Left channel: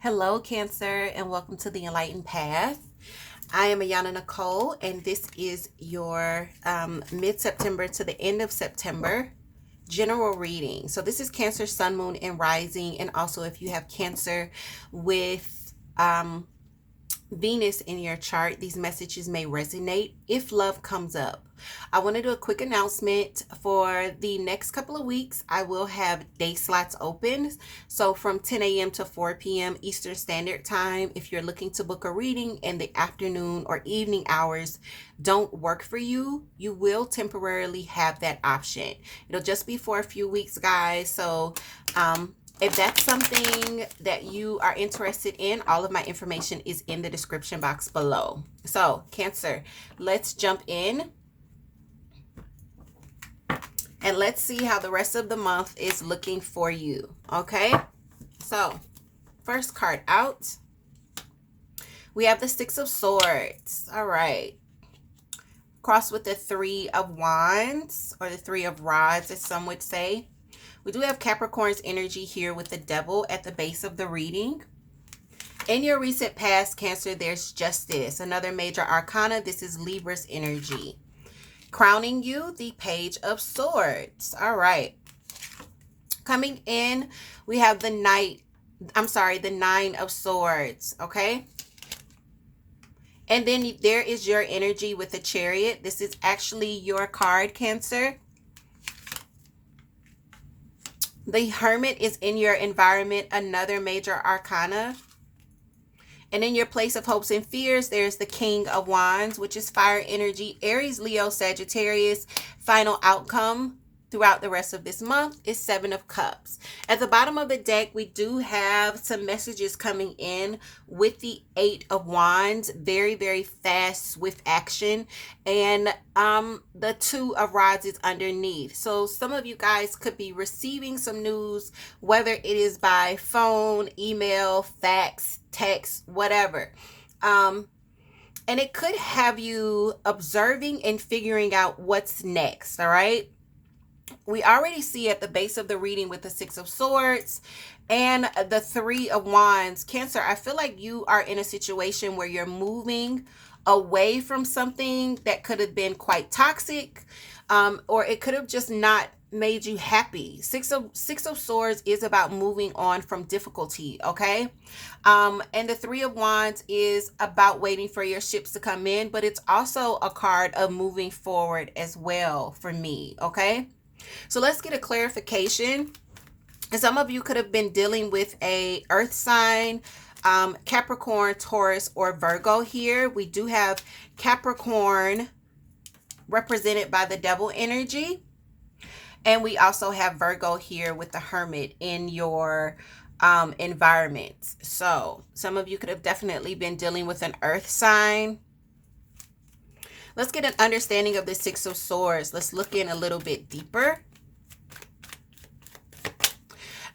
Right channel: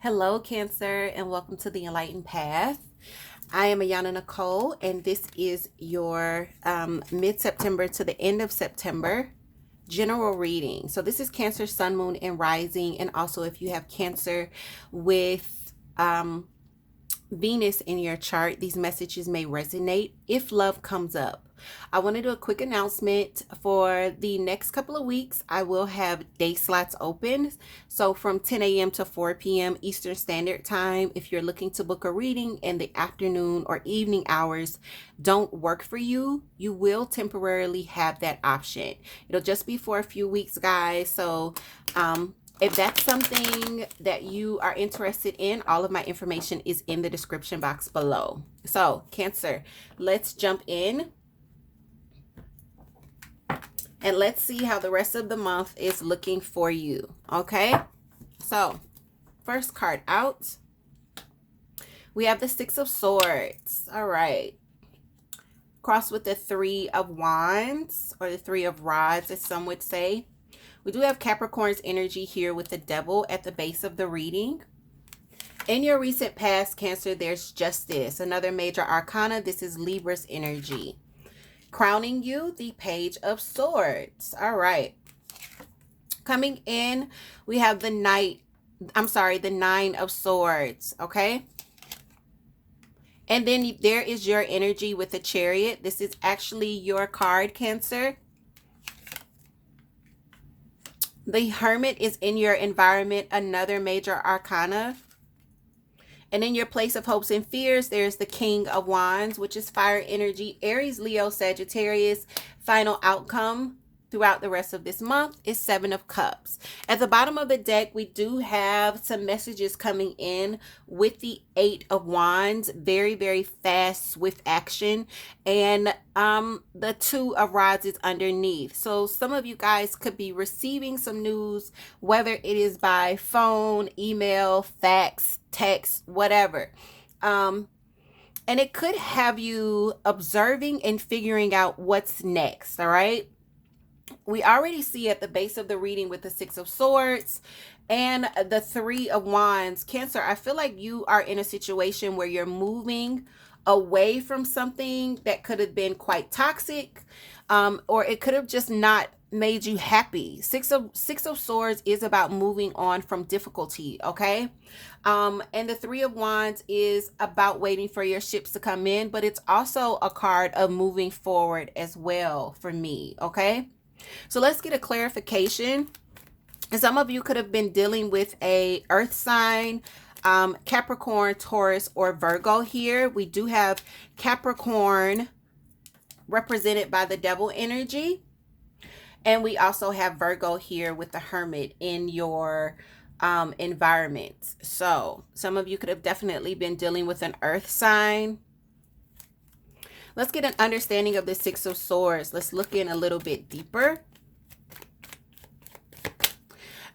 Hello, Cancer, and welcome to the Enlightened Path. I am Ayana Nicole, and this is your mid-September to the end of September general reading. So this is Cancer, Sun, Moon, and Rising, and also if you have Cancer with Venus in your chart, these messages may resonate if love comes up. I want to do a quick announcement for the next couple of weeks. I will have day slots open. So from 10 a.m. to 4 p.m. Eastern Standard Time, if you're looking to book a reading in the afternoon or evening hours don't work for you, you will temporarily have that option. It'll just be for a few weeks, guys. So, if that's something that you are interested in, all of my information is in the description box below. So, Cancer, let's jump in and let's see how the rest of the month is looking for you. Okay? So, first card out, we have the Six of Swords. All right. Cross with the Three of Wands, or the Three of Rods, as some would say. We do have Capricorn's energy here with the Devil at the base of the reading. In your recent past, Cancer, there's Justice, another major arcana. This is Libra's energy. Crowning you, the Page of Swords. All right. Coming in, we have the Nine of Swords, okay? And then there is your energy with the Chariot. This is actually your card, Cancer. The Hermit is in your environment, another major arcana. And in your place of hopes and fears, there's the King of Wands, which is fire energy. Aries, Leo, Sagittarius. Final outcome throughout the rest of this month is Seven of Cups. At the bottom of the deck, we do have some messages coming in with the Eight of Wands. Very, very fast, swift action. And the Two of Rods is underneath. So some of you guys could be receiving some news, whether it is by phone, email, fax, text, whatever. And it could have you observing and figuring out what's next, all right? We already see at the base of the reading with the Six of Swords and the Three of Wands. Cancer, I feel like you are in a situation where you're moving away from something that could have been quite toxic, or it could have just not made you happy. Six of Swords is about moving on from difficulty, okay? And the Three of Wands is about waiting for your ships to come in, but it's also a card of moving forward as well for me, okay? So let's get a clarification. And some of you could have been dealing with a earth sign, Capricorn, Taurus, or Virgo here. We do have Capricorn represented by the Devil energy. And we also have Virgo here with the Hermit in your environment. So some of you could have definitely been dealing with an earth sign. Let's get an understanding of the Six of Swords. Let's look in a little bit deeper.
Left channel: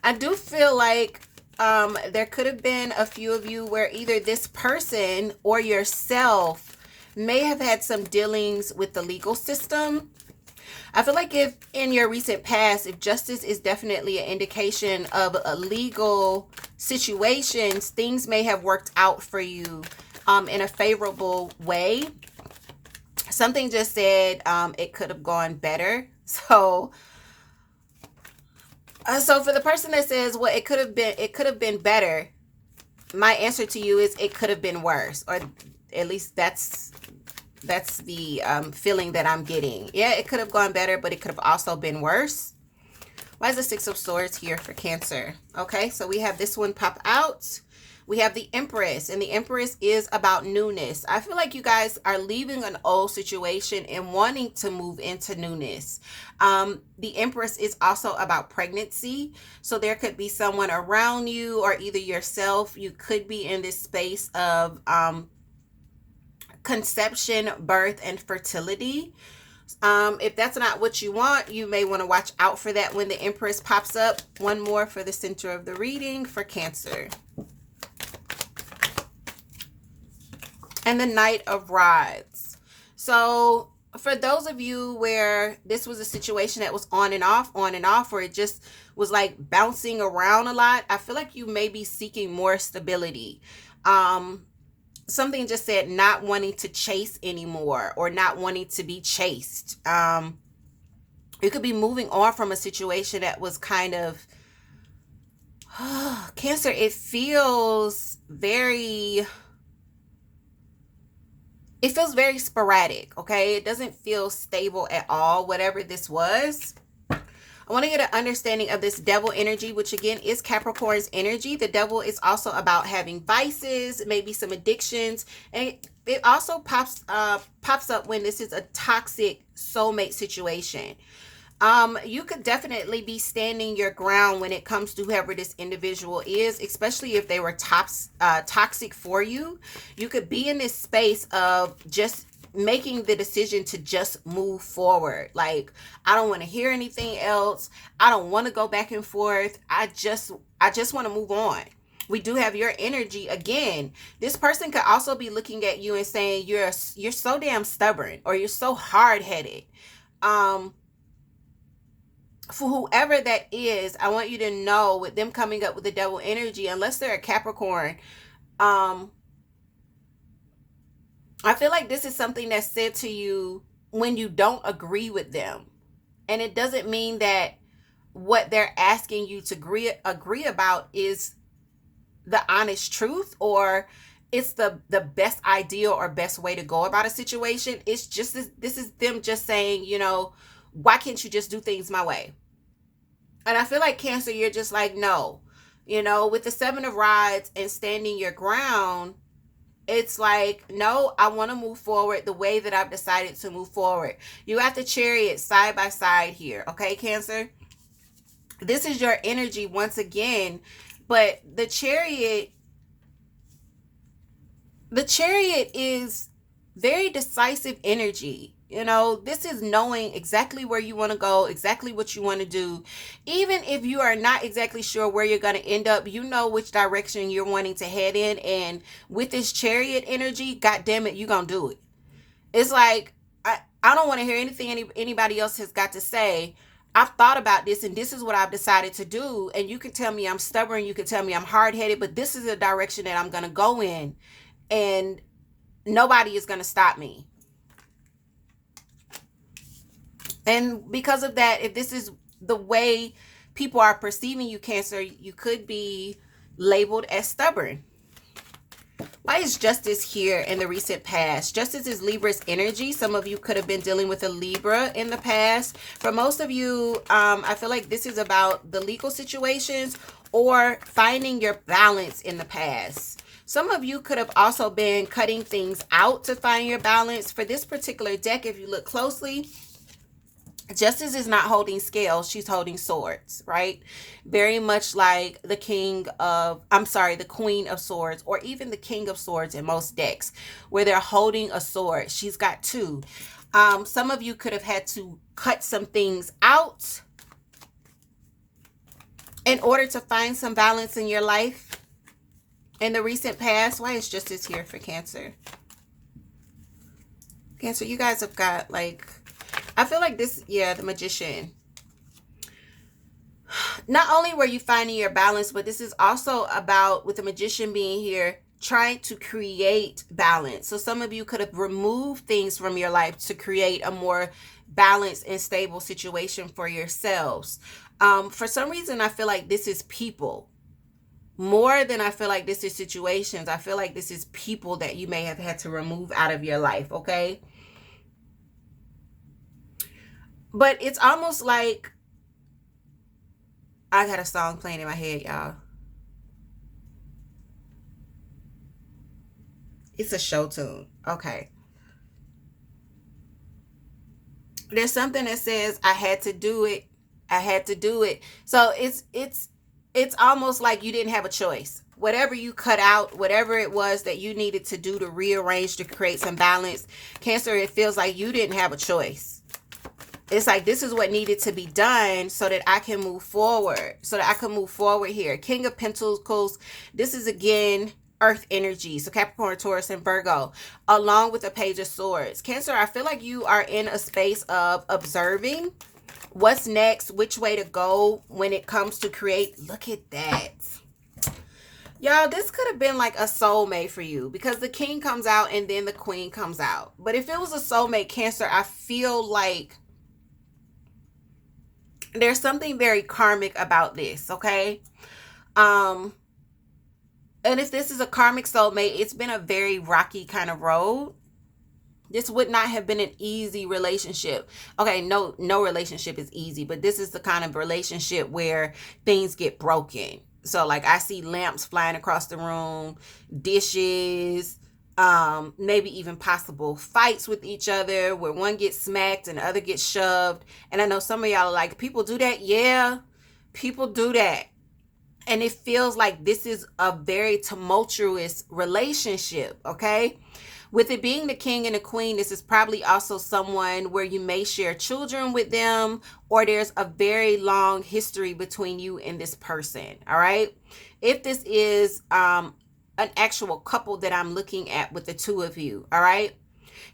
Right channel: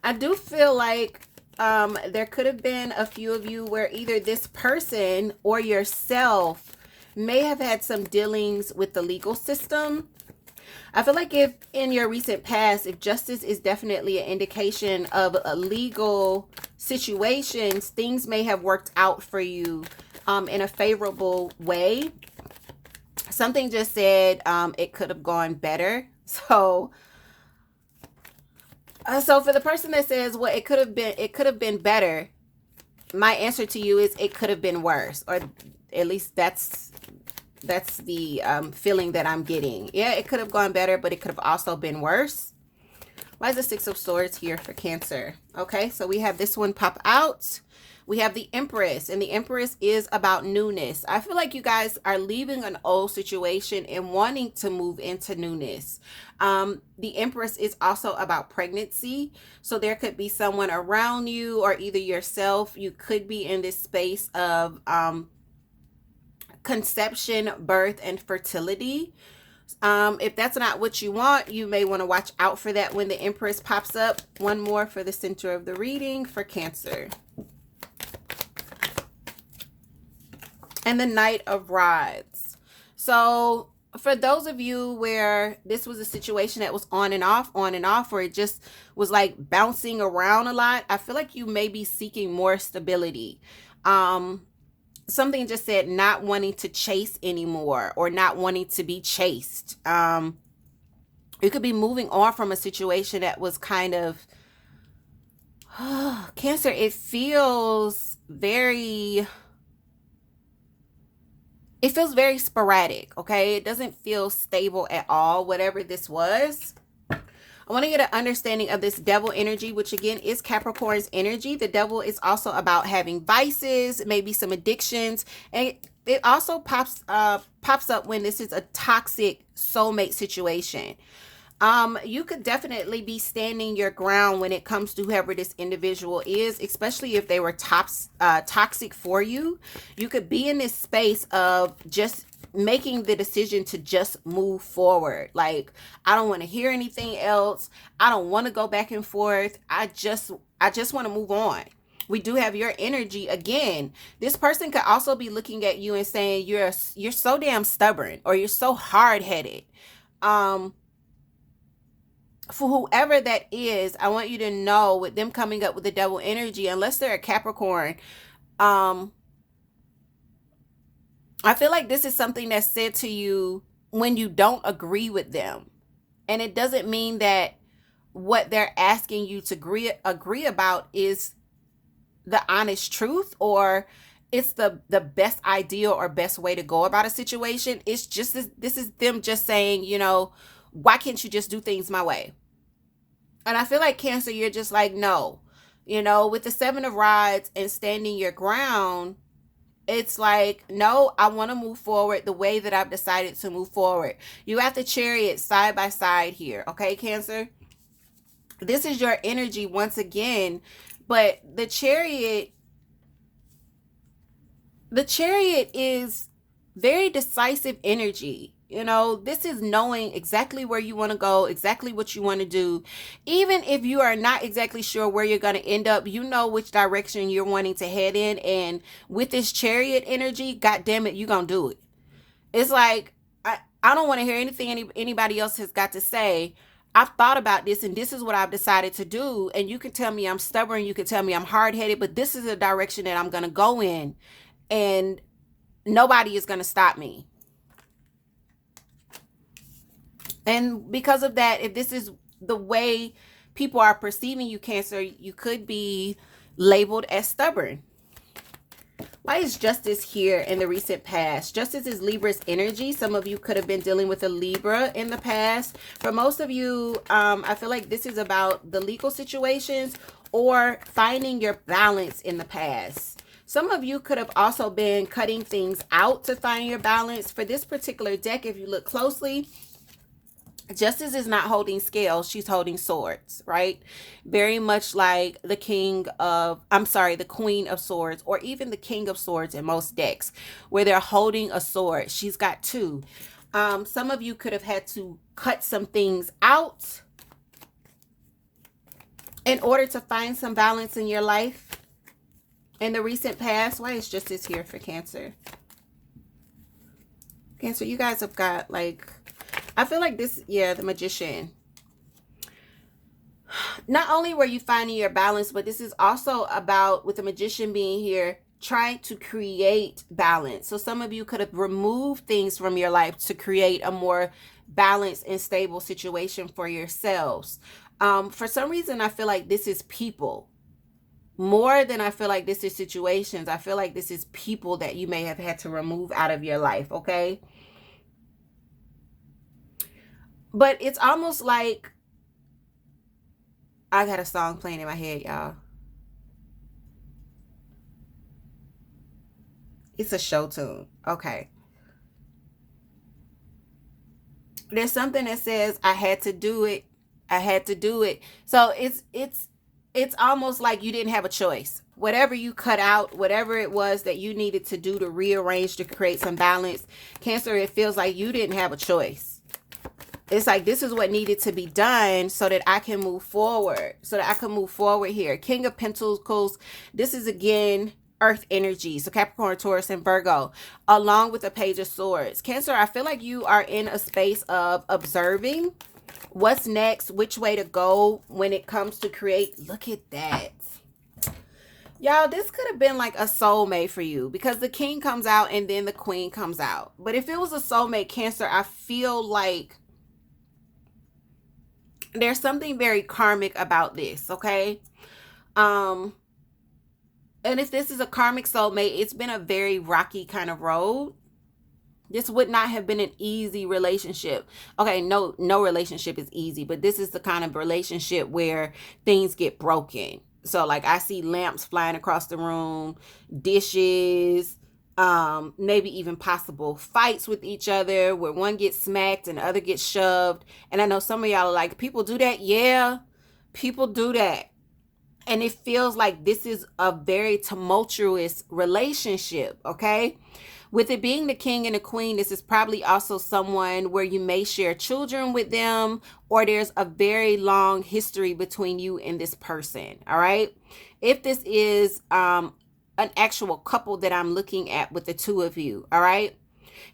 I do feel like there could have been a few of you where either this person or yourself may have had some dealings with the legal system. I feel like if in your recent past, if justice is definitely an indication of a legal situations, things may have worked out for you in a favorable way. Something just said it could have gone better. So for the person that says, well, it could have been better, my answer to you is it could have been worse, or at least that's the feeling that I'm getting. Yeah, it could have gone better, but it could have also been worse. Why is the Six of Swords here for Cancer? Okay, so we have this one pop out. We have the Empress, and the Empress is about newness. I feel like you guys are leaving an old situation and wanting to move into newness. The Empress is also about pregnancy. So there could be someone around you or either yourself. You could be in this space of conception, birth, and fertility. If that's not what you want, you may want to watch out for that when the Empress pops up. One more for the center of the reading for Cancer. And the Knight of Rods. So for those of you where this was a situation that was on and off, where it just was like bouncing around a lot. I feel like you may be seeking more stability. Something just said not wanting to chase anymore or not wanting to be chased. You could be moving on from a situation that was kind of Cancer, it feels very sporadic, okay? It doesn't feel stable at all, whatever this was. I want to get an understanding of this devil energy, which again is Capricorn's energy. The devil is also about having vices, maybe some addictions, and it also pops up when this is a toxic soulmate situation. You could definitely be standing your ground when it comes to whoever this individual is, especially if they were toxic for you. You could be in this space of just making the decision to just move forward. Like, I don't want to hear anything else. I don't want to go back and forth. I just want to move on. We do have your energy again. This person could also be looking at you and saying you're so damn stubborn or you're so hard-headed. For whoever that is, I want you to know with them coming up with the devil energy, unless they're a Capricorn, I feel like this is something that's said to you when you don't agree with them. And it doesn't mean that what they're asking you to agree about is the honest truth or it's the best idea or best way to go about a situation. It's just this is them just saying, why can't you just do things my way? And I feel like Cancer, you're just like, no. With the 7 of Rods and standing your ground, it's like, no, I want to move forward the way that I've decided to move forward. You have the Chariot side by side here, okay, Cancer? This is your energy once again, but the Chariot is very decisive energy. This is knowing exactly where you want to go, exactly what you want to do. Even if you are not exactly sure where you're going to end up, you know which direction you're wanting to head in. And with this Chariot energy, God damn it, you're going to do it. It's like, I don't want to hear anything anybody else has got to say. I've thought about this and this is what I've decided to do. And you can tell me I'm stubborn. You can tell me I'm hard-headed, but this is the direction that I'm going to go in. And nobody is going to stop me. And because of that, if this is the way people are perceiving you, Cancer, you could be labeled as stubborn. Why is Justice here in the recent past? Justice is Libra's energy. Some of you could have been dealing with a Libra in the past. For most of you, I feel like this is about the legal situations or finding your balance in the past. Some of you could have also been cutting things out to find your balance. For this particular deck, if you look closely, Justice is not holding scales, she's holding swords, right? Very much like the Queen of Swords, or even the King of Swords in most decks, where they're holding a sword. She's got two. Some of you could have had to cut some things out in order to find some balance in your life in the recent past. Why is Justice here for Cancer? Cancer, you guys have got I feel like this, the Magician. Not only were you finding your balance, but this is also about, with the Magician being here, trying to create balance. So some of you could have removed things from your life to create a more balanced and stable situation for yourselves. For some reason, I feel like this is people. More than I feel like this is situations. I feel like this is people that you may have had to remove out of your life, okay? But it's almost like, I got a song playing in my head, y'all. It's a show tune. Okay. There's something that says, I had to do it. I had to do it. So it's almost like you didn't have a choice. Whatever you cut out, whatever it was that you needed to do to rearrange to create some balance, Cancer, it feels like you didn't have a choice. It's like, this is what needed to be done so that I can move forward. Here. King of Pentacles. This is, again, Earth energy. So Capricorn, Taurus, and Virgo. Along with the Page of Swords. Cancer, I feel like you are in a space of observing. What's next? Which way to go when it comes to create? Look at that. Y'all, this could have been like a soulmate for you because the king comes out and then the queen comes out. But if it was a soulmate, Cancer, I feel like there's something very karmic about this, okay? Um, and if this is a karmic soulmate, it's been a very rocky kind of road. This would not have been an easy relationship. Okay, no relationship is easy, but this is the kind of relationship where things get broken. So like I see lamps flying across the room, dishes, maybe even possible fights with each other where one gets smacked and the other gets shoved. And I know some of y'all are like, people do that. Yeah, people do that. And it feels like this is a very tumultuous relationship, okay? With it being the king and the queen, this is probably also someone where you may share children with them, or there's a very long history between you and this person, all right? If this is an actual couple that I'm looking at with the two of you, all right?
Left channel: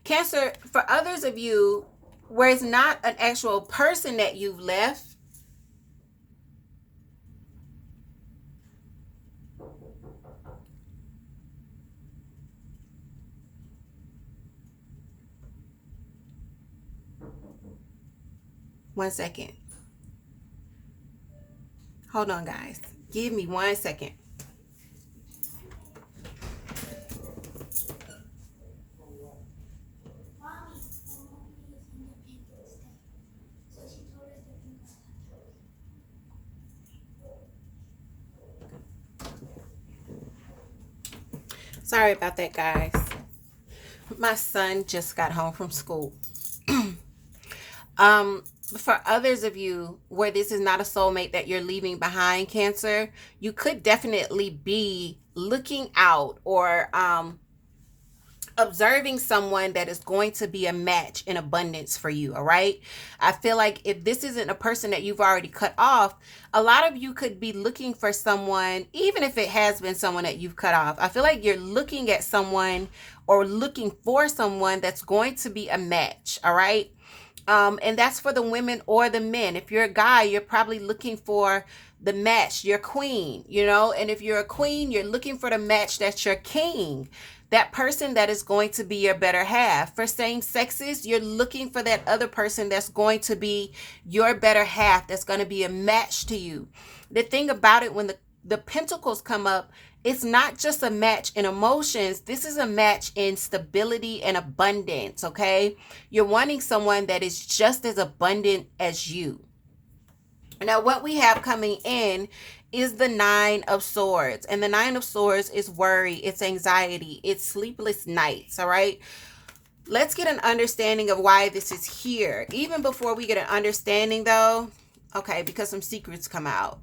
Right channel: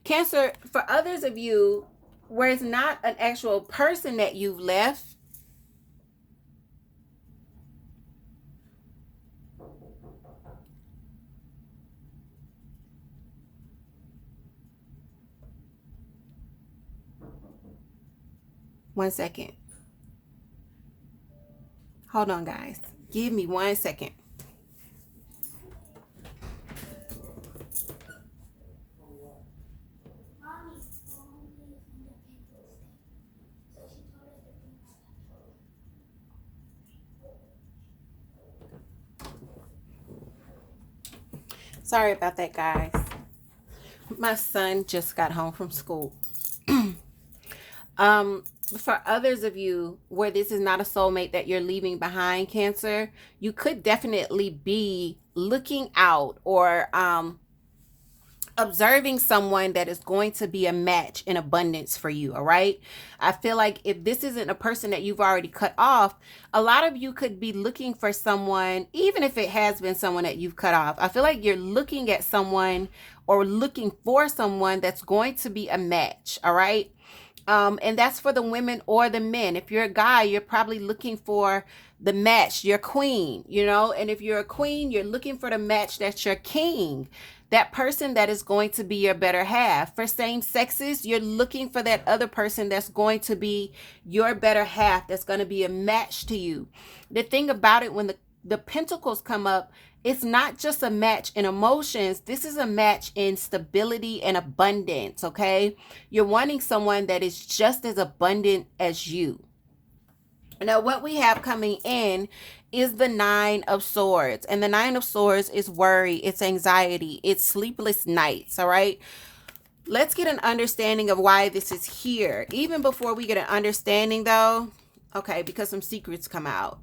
Cancer, for others of you, where it's not an actual person that you've left, one second. Hold on, guys. Give me 1 second. Sorry about that, guys. My son just got home from school. For others of you where this is not a soulmate that you're leaving behind, Cancer, you could definitely be looking out or observing someone that is going to be a match in abundance for you, all right? I feel like if this isn't a person that you've already cut off, a lot of you could be looking for someone, even if it has been someone that you've cut off. I feel like you're looking at someone or looking for someone that's going to be a match, all right? And that's for the women or the men. If you're a guy, you're probably looking for the match, your queen, you know? And if you're a queen, you're looking for the match that's your king, that person that is going to be your better half. For same sexes, you're looking for that other person that's going to be your better half, that's going to be a match to you. The thing about it, when the pentacles come up, it's not just a match in emotions. This is a match in stability and abundance, okay? You're wanting someone that is just as abundant as you. Now, what we have coming in is the 9 of Swords. And the 9 of Swords is worry, it's anxiety, it's sleepless nights, all right? Let's get an understanding of why this is here. Even before we get an understanding, though, okay, because some secrets come out.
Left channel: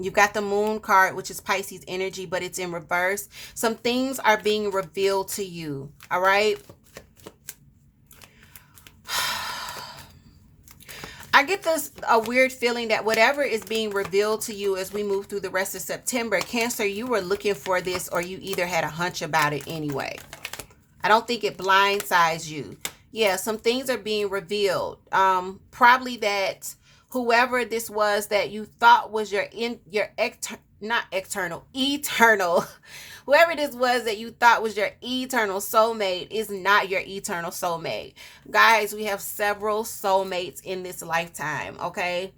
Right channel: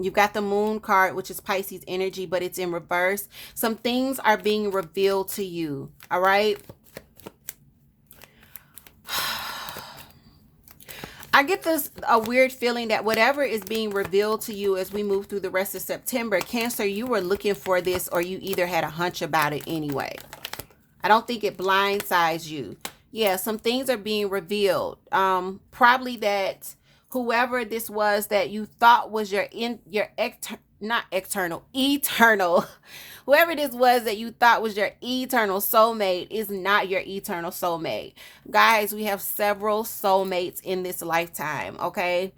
You've got the Moon card, which is Pisces energy, but it's in reverse. Some things are being revealed to you, all right? I get a weird feeling that whatever is being revealed to you as we move through the rest of September, Cancer, you were looking for this or you either had a hunch about it anyway. I don't think it blindsides you. Yeah, some things are being revealed. Probably that whoever this was that you thought was eternal, whoever this was that you thought was your eternal soulmate is not your eternal soulmate. Guys, we have several soulmates in this lifetime, okay?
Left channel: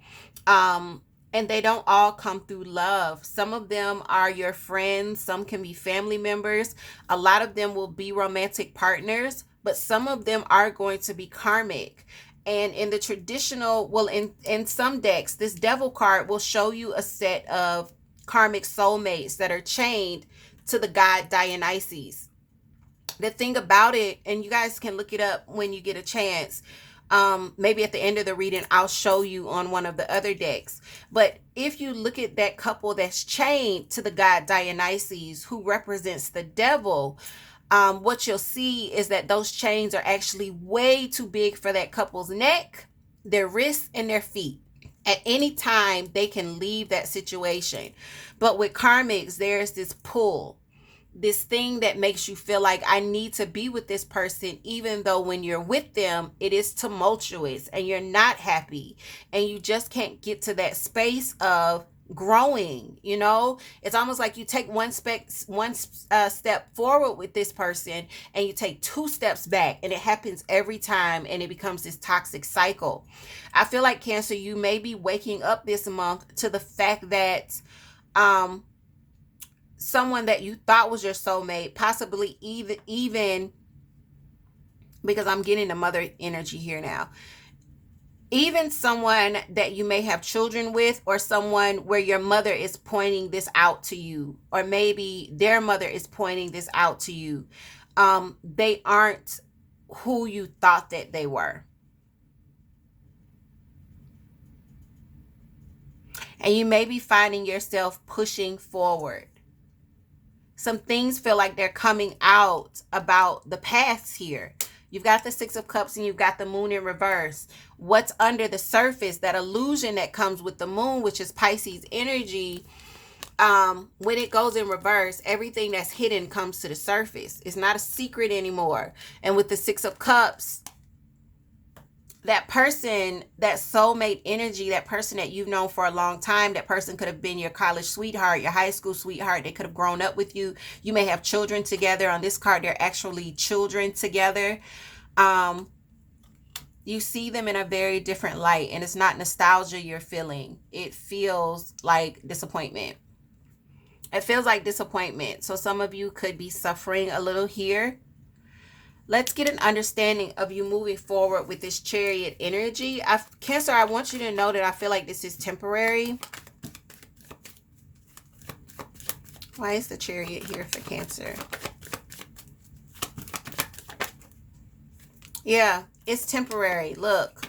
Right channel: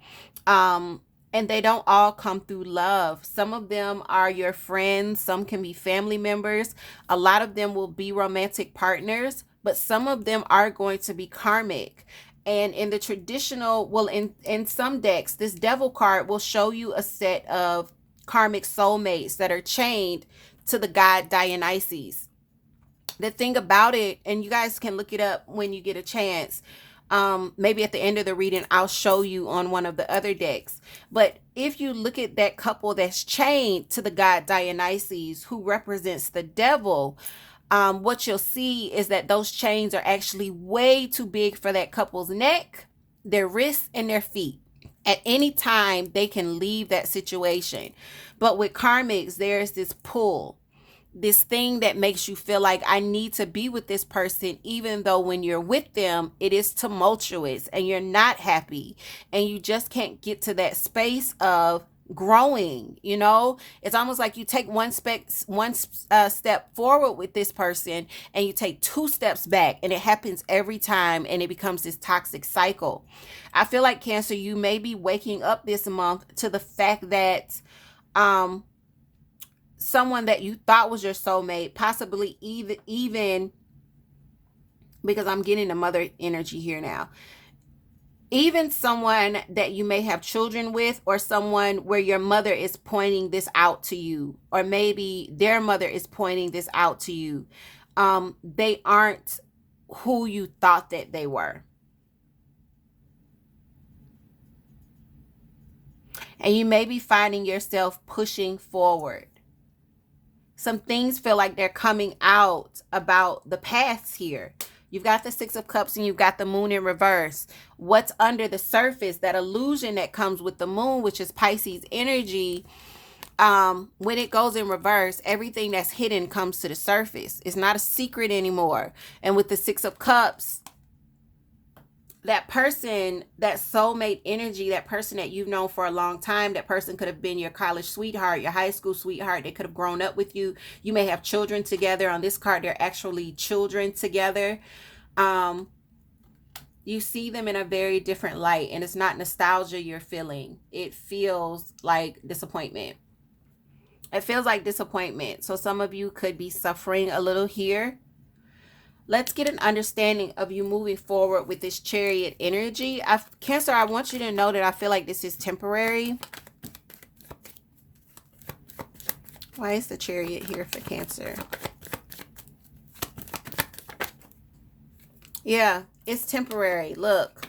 And they don't all come through love. Some of them are your friends. Some can be family members. A lot of them will be romantic partners, but some of them are going to be karmic. And in the traditional, well, in some decks, this Devil card will show you a set of karmic soulmates that are chained to the god Dionysus. The thing about it, and you guys can look it up when you get a chance, maybe at the end of the reading, I'll show you on one of the other decks. But if you look at that couple that's chained to the god Dionysus, who represents the devil, what you'll see is that those chains are actually way too big for that couple's neck, their wrists, and their feet. At any time, they can leave that situation. But with karmics, there's this pull. this thing that makes you feel like I need to be with this person, even though when you're with them, it is tumultuous and you're not happy and you just can't get to that space of growing. It's almost like you take one step forward with this person and you take two steps back, and it happens every time, and it becomes this toxic cycle. I feel like, Cancer, you may be waking up this month to the fact that um someone that you thought was your soulmate, possibly even because I'm getting the mother energy here now, even someone that you may have children with, or someone where your mother is pointing this out to you, or maybe their mother is pointing this out to you. They aren't who you thought that they were. And you may be finding yourself pushing forward. Some things feel like they're coming out about the past here. You've got the Six of Cups and you've got the Moon in reverse. What's under the surface, that illusion that comes with the Moon, which is Pisces energy, when it goes in reverse, everything that's hidden comes to the surface. It's not a secret anymore. And with the Six of Cups, that person, that soulmate energy, that person that you've known for a long time, that person could have been your college sweetheart, your high school sweetheart. They could have grown up with you. You may have children together. On this card, they're actually children together. You see them in a very different light, and it's not nostalgia you're feeling. It feels like disappointment. It feels like disappointment. So some of you could be suffering a little here. Let's get an understanding of you moving forward with this Chariot energy. Cancer, I want you to know that I feel like this is temporary. Why is the Chariot here for Cancer? Yeah, it's temporary. Look,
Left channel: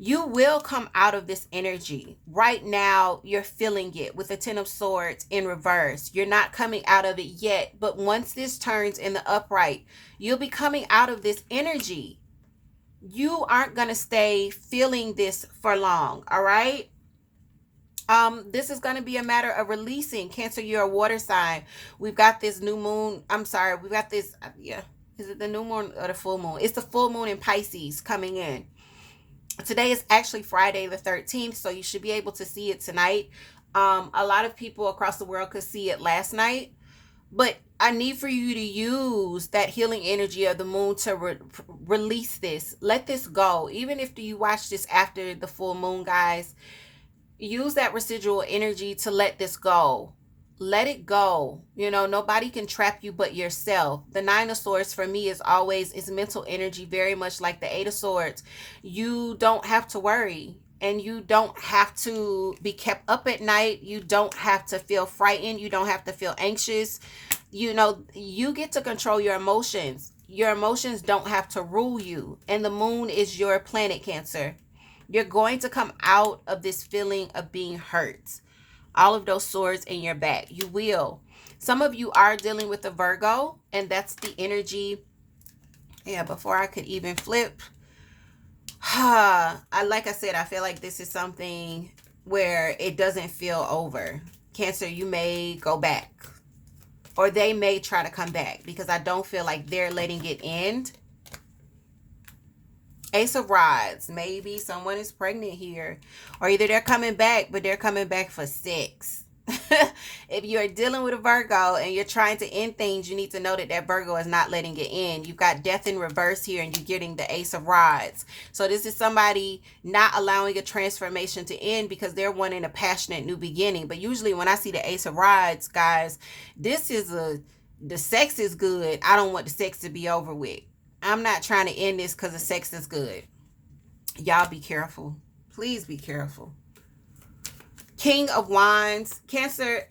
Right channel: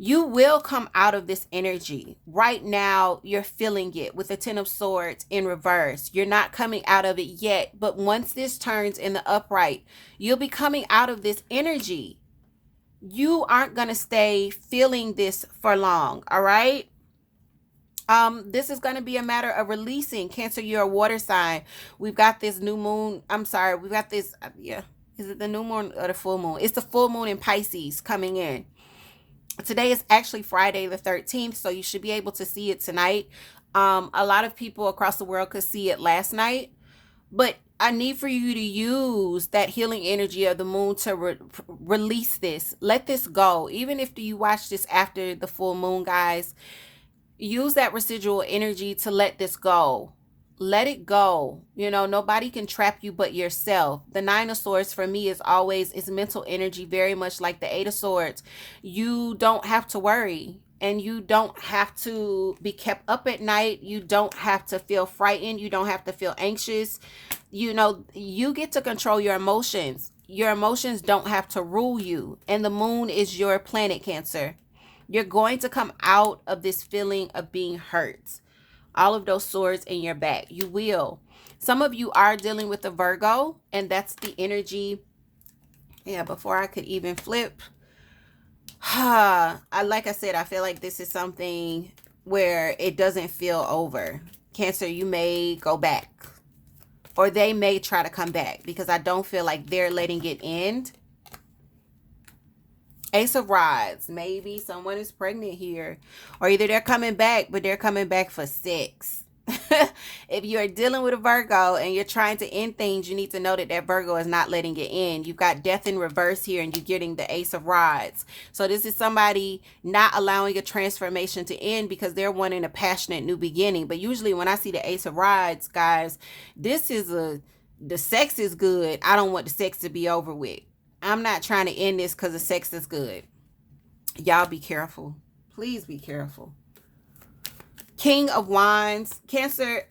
you will come out of this energy. Right now, you're feeling it with the Ten of Swords in reverse. You're not coming out of it yet, but once this turns in the upright, you'll be coming out of this energy. You aren't going to stay feeling this for long, all right? This is going to be a matter of releasing. Cancer, you're a water sign. We've got this new moon. I'm sorry. We've got this, yeah. Is it the new moon or the full moon? It's the full moon in Pisces coming in. Today is actually Friday the 13th, so you should be able to see it tonight. A lot of people across the world could see it last night, but I need for you to use that healing energy of the moon to release this. Let this go. Even if you watch this after the full moon, guys, use that residual energy to let this go. Let it go. Nobody can trap you but yourself. The Nine of Swords for me is mental energy, very much like the Eight of Swords. You don't have to worry, and you don't have to be kept up at night. You don't have to feel frightened. You don't have to feel anxious. You get to control your emotions. Your emotions don't have to rule you. And the moon is your planet, Cancer. You're going to come out of this feeling of being hurt. All of those swords in your back. You will. Some of you are dealing with a Virgo, and that's the energy. Yeah, before I could even flip. Like I said, I feel like this is something where it doesn't feel over. Cancer, you may go back. Or they may try to come back, because I don't feel like they're letting it end. Ace of Rods. Maybe someone is pregnant here. Or either they're coming back, but they're coming back for sex. If you're dealing with a Virgo and you're trying to end things, you need to know that that Virgo is not letting it end. You've got Death in reverse here, and you're getting the Ace of Rods. So this is somebody not allowing a transformation to end because they're wanting a passionate new beginning. But usually when I see the Ace of Rods, guys, this is the sex is good. I don't want the sex to be over with. I'm not trying to end this because the sex is good. Y'all be careful. Please be careful. King of Wands. Cancer,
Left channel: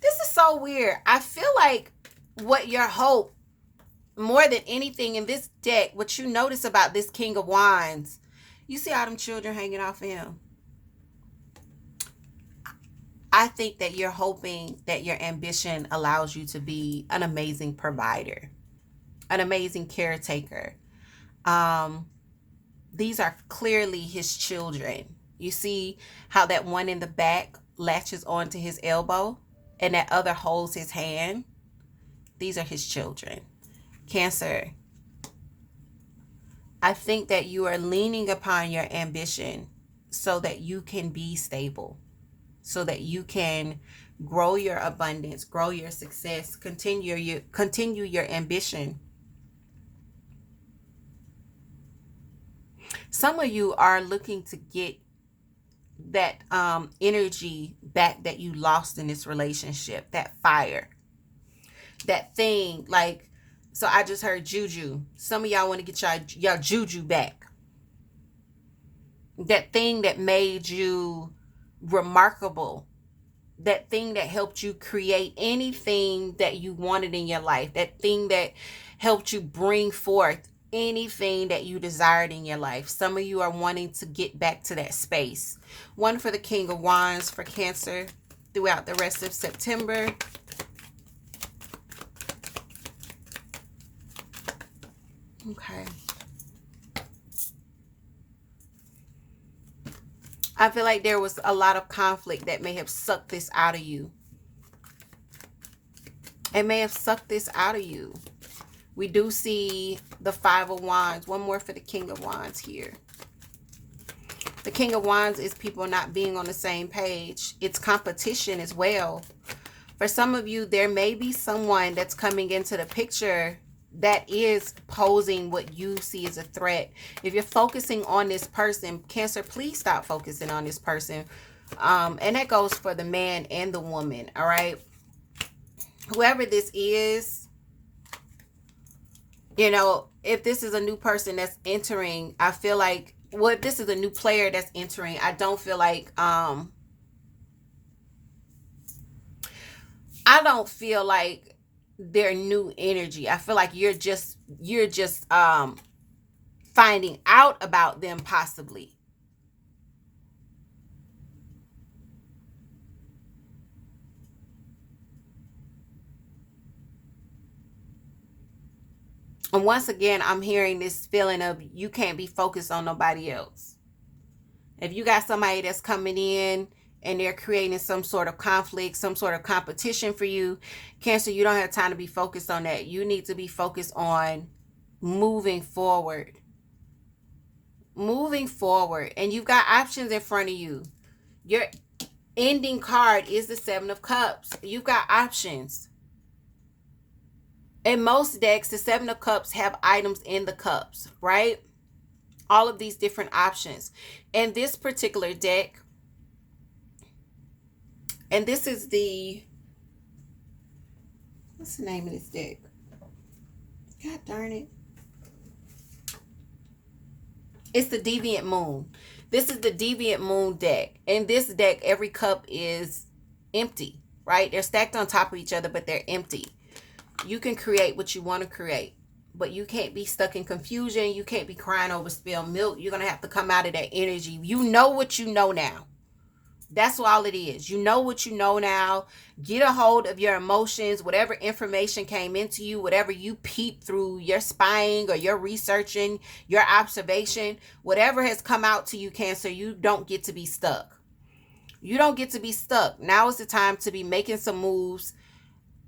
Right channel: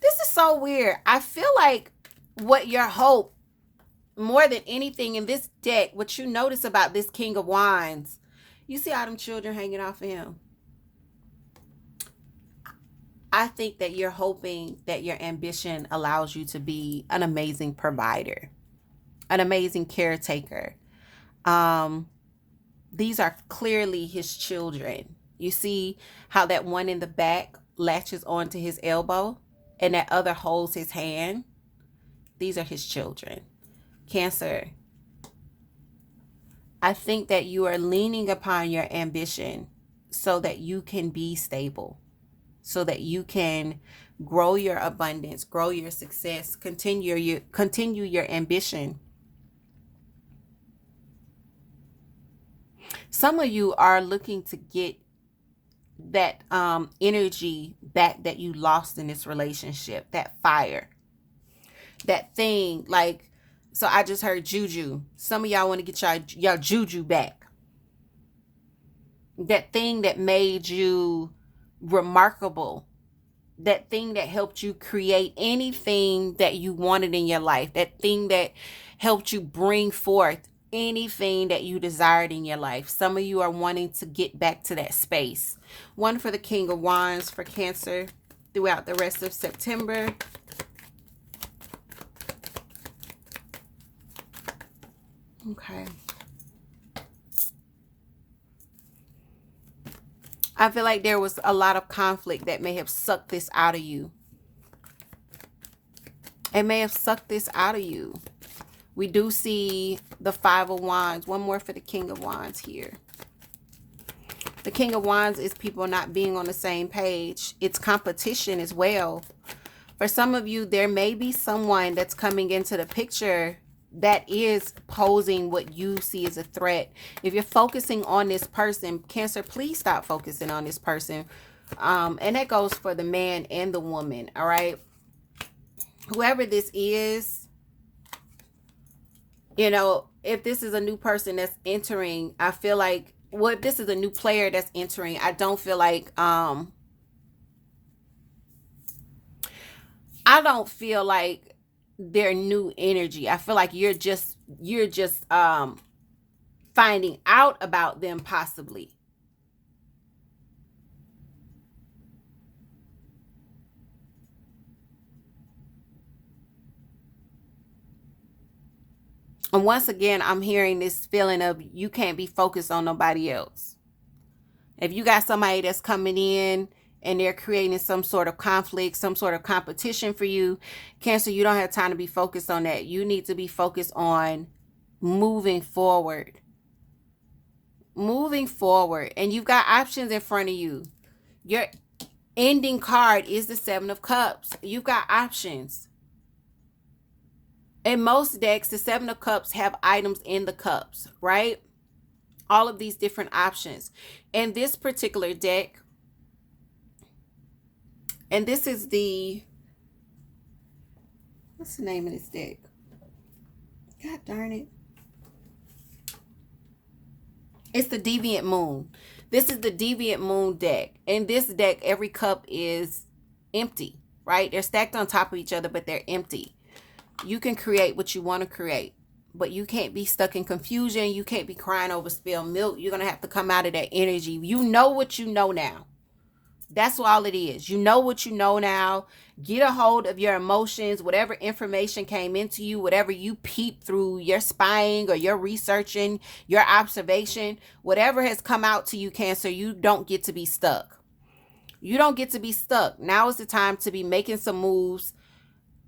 this is so weird. I feel like what your hope, more than anything in this deck, what you notice about this King of Wands, you see all them children hanging off of him. I think that you're hoping that your ambition allows you to be an amazing provider, an amazing caretaker. These are clearly his children. You see how that one in the back latches onto his elbow? and that other holds his hand. These are his children. Cancer, I think that you are leaning upon your ambition so that you can be stable, so that you can grow your abundance, grow your success, continue your ambition. Some of you are looking to get that energy back that you lost in this relationship, that fire, that thing. Like, so I just heard juju. Some of y'all want to get y'all juju back. That thing that made you remarkable, that thing that helped you create anything that you wanted in your life, that thing that helped you bring forth anything that you desired in your life. Some of you are wanting to get back to that space. One for the King of Wands for Cancer throughout the rest of September. Okay. I feel like there was a lot of conflict that may have sucked this out of you. It may have sucked this out of you. We do see the Five of Wands. One more for the King of Wands here. The King of Wands is people not being on the same page. It's competition as well. For some of you, there may be someone that's coming into the picture that is posing what you see as a threat. If you're focusing on this person, Cancer, please stop focusing on this person. And that goes for the man and the woman, all right? Whoever this is, you know, if this is a new person that's entering, I feel like, well, if this is a new player that's entering, I don't feel like, I don't feel like their new energy. I feel like you're just finding out about them possibly. And once again, I'm hearing this feeling of you can't be focused on nobody else. If you got somebody that's coming in and they're creating some sort of conflict, some sort of competition for you, Cancer, you don't have time to be focused on that. You need to be focused on moving forward. Moving forward. And you've got options in front of you. Your ending card is the Seven of Cups. You've got options. In most decks, the Seven of Cups have items in the cups, right? All of these different options. In this particular deck, and this is the, what's the name of this deck? God darn it. It's the Deviant Moon. This is the Deviant Moon deck. In this deck, every cup is empty, right? They're stacked on top of each other, but they're empty. You can create what you want to create, but you can't be stuck in confusion. You can't be crying over spilled milk. You're going to have to come out of that energy. You know what you know now. That's all it is. You know what you know now. Get a hold of your emotions, whatever information came into you, whatever you peeped through your spying or your researching, your observation, whatever has come out to you, Cancer, you don't get to be stuck. You don't get to be stuck. Now is the time to be making some moves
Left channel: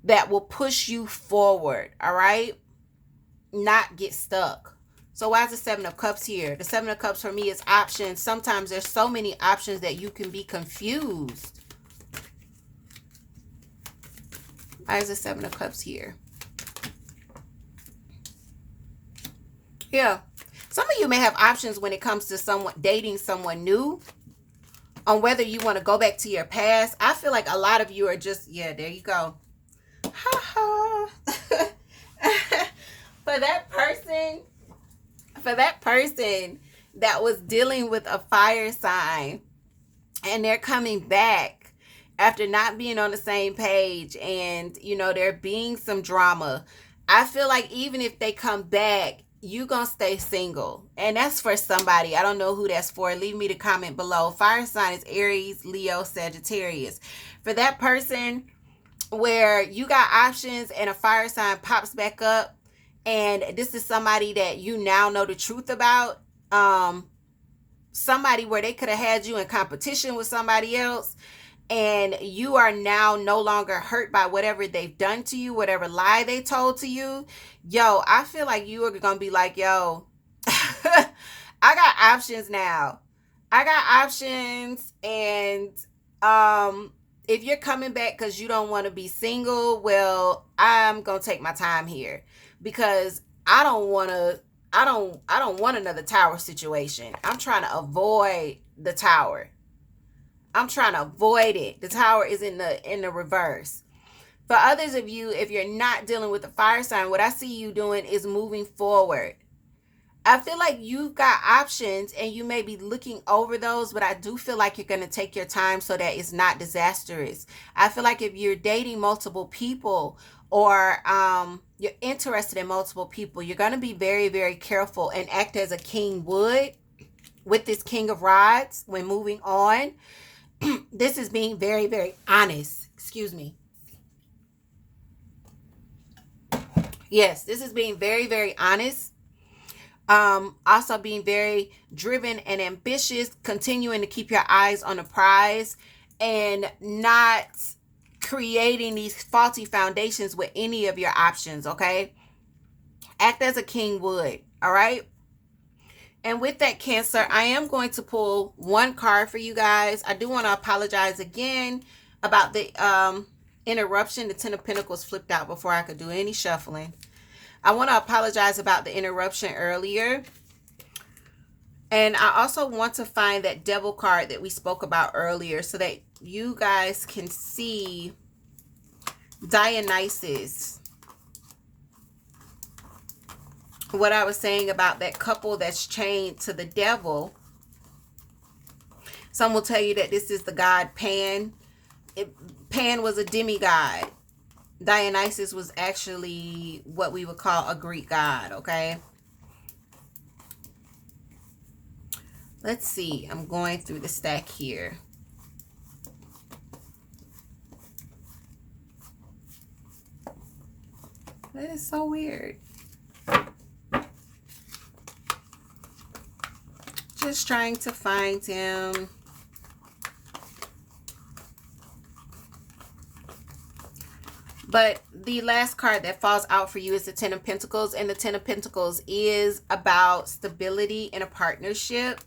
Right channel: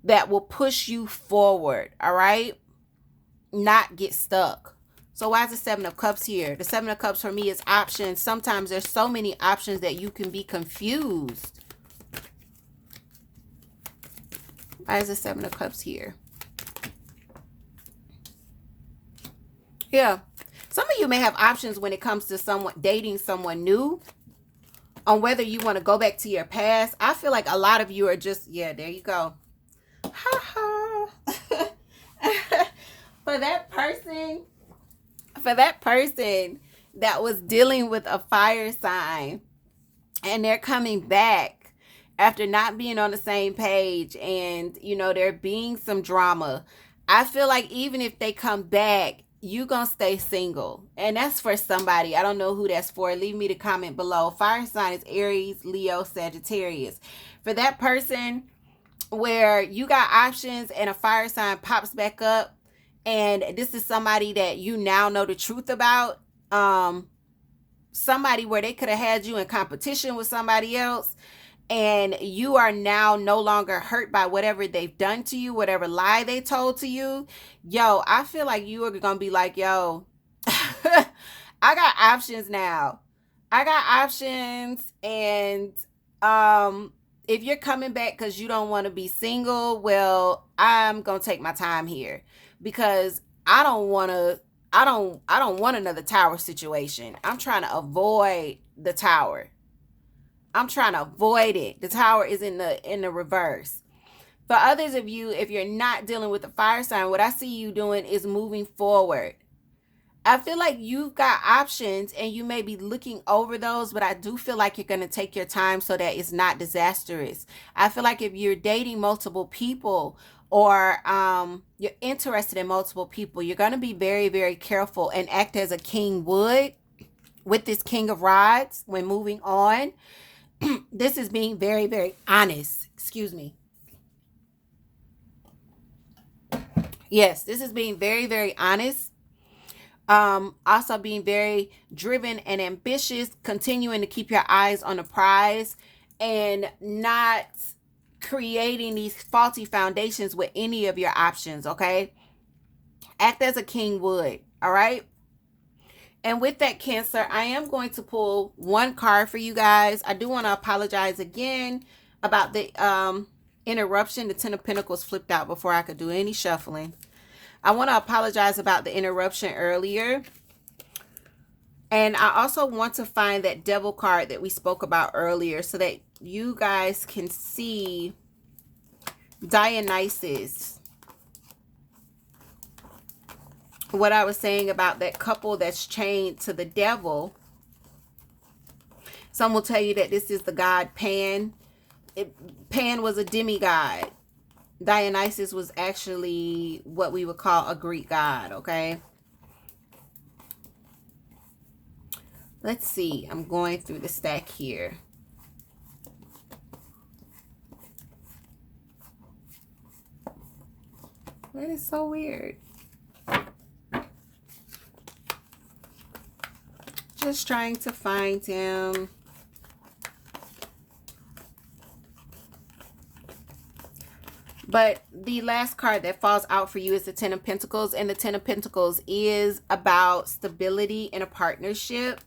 that will push you forward, all right? Not get stuck. So why is the Seven of Cups here? The Seven of Cups for me is options. Sometimes there's so many options that you can be confused. Why is the Seven of Cups here? Yeah. Some of you may have options when it comes to someone dating someone new, on whether you want to go back to your past. I feel like a lot of you are just, yeah, there you go. Ha ha. For that person that was dealing with a fire sign and they're coming back after not being on the same page and, you know, there being some drama, I feel like even if they come back, you gonna stay single. And that's for somebody. I don't know who that's for. Leave me the comment below. Fire sign is Aries, Leo, Sagittarius. For that person where you got options and a fire sign pops back up, and this is somebody that you now know the truth about, somebody where they could have had you in competition with somebody else, and you are now no longer hurt by whatever they've done to you, whatever lie they told to you, yo, I feel like you are going to be like, yo, I got options now. I got options. And if you're coming back because you don't want to be single, well, I'm going to take my time here, because I don't want to, I don't want another tower situation. I'm trying to avoid the tower. I'm trying to avoid it. The tower is in the reverse. For others of you, if you're not dealing with the fire sign, what I see you doing is moving forward. I feel like you've got options and you may be looking over those, but I do feel like you're going to take your time so that it's not disastrous. I feel like if you're dating multiple people, or you're interested in multiple people, you're going to be very, very careful and act as a king would with this King of Rods when moving on. This is being very, very honest. Excuse me. Yes, this is being very, very honest. Also being very driven and ambitious, continuing to keep your eyes on the prize and not creating these faulty foundations with any of your options, okay? Act as a king would, all right? And with that, Cancer, I am going to pull one card for you guys. I do want to apologize again about the interruption. The Ten of Pentacles flipped out before I could do any shuffling. I want to apologize about the interruption earlier. And I also want to find that Devil card that we spoke about earlier so that you guys can see Dionysus. What I was saying about that couple that's chained to the devil. Some will tell you that this is the god Pan. Pan was a demigod. Dionysus was actually what we would call a Greek god, okay? Let's see. I'm going through the stack here. That is so weird. Just trying to find him. But the last card that falls out for you is the Ten of Pentacles. And the Ten of Pentacles is about stability in a partnership.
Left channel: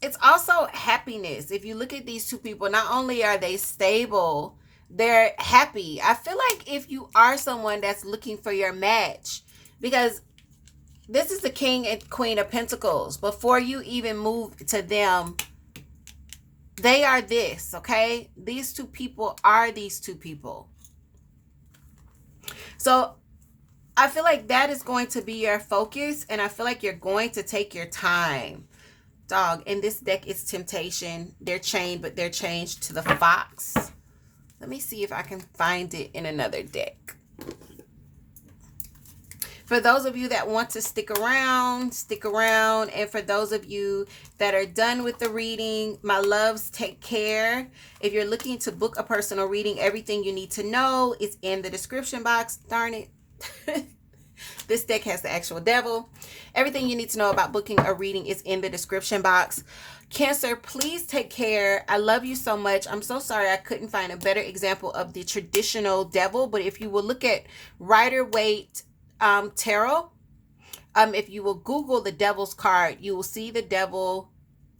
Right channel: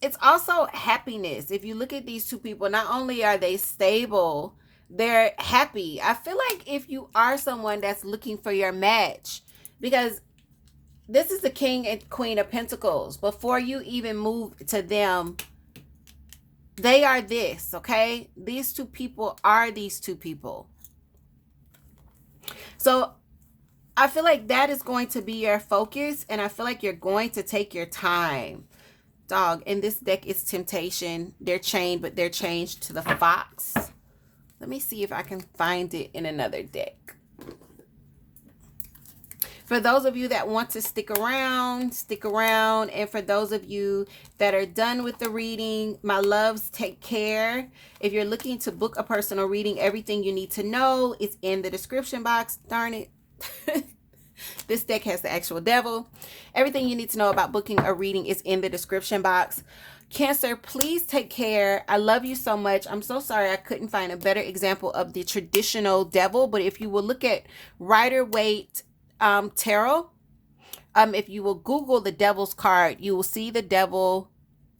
It's also happiness. If you look at these two people, not only are they stable, they're happy. I feel like if you are someone that's looking for your match, because this is the King and Queen of Pentacles. Before you even move to them, they are this, okay? These two people are these two people. So I feel like that is going to be your focus, and I feel like you're going to take your time. Dog, in this deck is Temptation. They're chained, but they're chained to the Fox. Let me see if I can find it in another deck. For those of you that want to stick around, stick around. And for those of you that are done with the reading, my loves, take care. If you're looking to book a personal reading, everything you need to know is in the description box. Darn it. This deck has the actual devil. Everything you need to know about booking a reading is in the description box. Cancer, please take care. I love you so much. I'm so sorry I couldn't find a better example of the traditional devil. But if you will look at Rider-Waite tarot, if you will Google the devil's card, you will see the devil,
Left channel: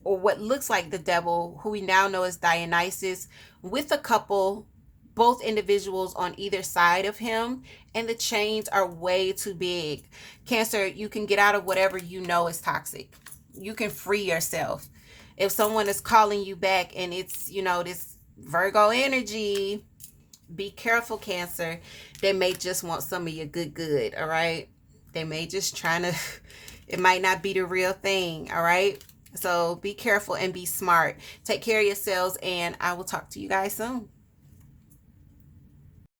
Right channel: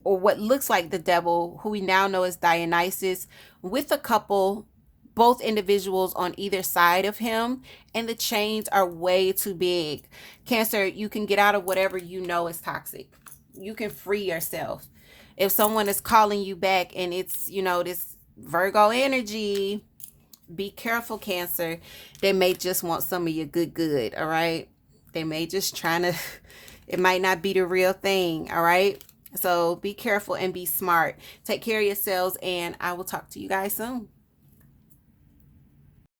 or what looks like the devil, who we now know as Dionysus, with a couple, both individuals on either side of him, and the chains are way too big. Cancer, you can get out of whatever you know is toxic. You can free yourself. If someone is calling you back and it's, you know, this Virgo energy, be careful, Cancer. They may just want some of your good, all right? They may just trying to, it might not be the real thing, all right? So be careful and be smart. Take care of yourselves, and I will talk to you guys soon.